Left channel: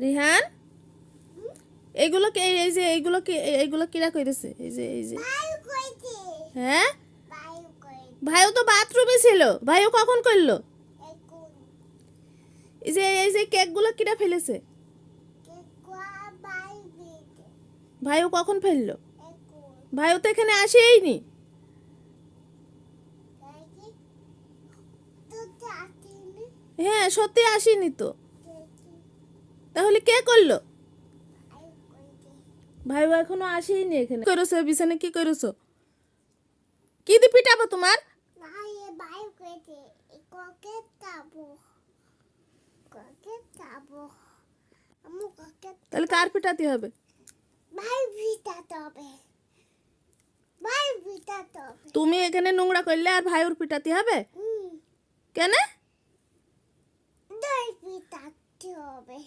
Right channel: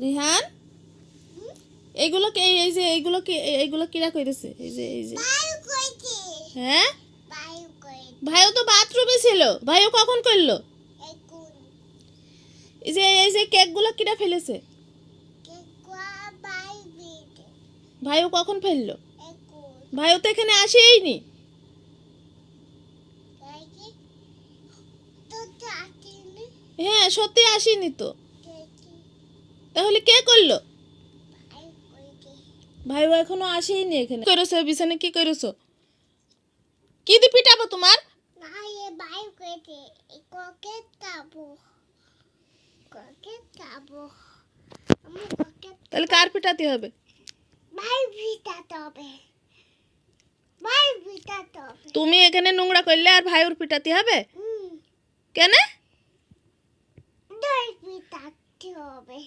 রিহান এইগুলো এইগুলো কিরা কইতেছে এই যে হ্যাঁ ভাইও তো বাথরুমে ছিল ভাইও কখন করলো এই যে কেকগুলো কিরা ফেলেছে ভাইও কখন ফেললো ভাইও তো এখানে আসেইনি হ্যাঁ সত্যি আসেনি তো তাহলে কে করলো ভাইও এখনো আসেইনি এখানে করেছো বিছানে কি করেছো কি দিয়ে পিটাবো তোমার তাহলে কার পিটাতে হবে তুমি এখানে নোংরা করলে আর ভাইয়ের পিটাতে হবে কেন পিটাতে হবে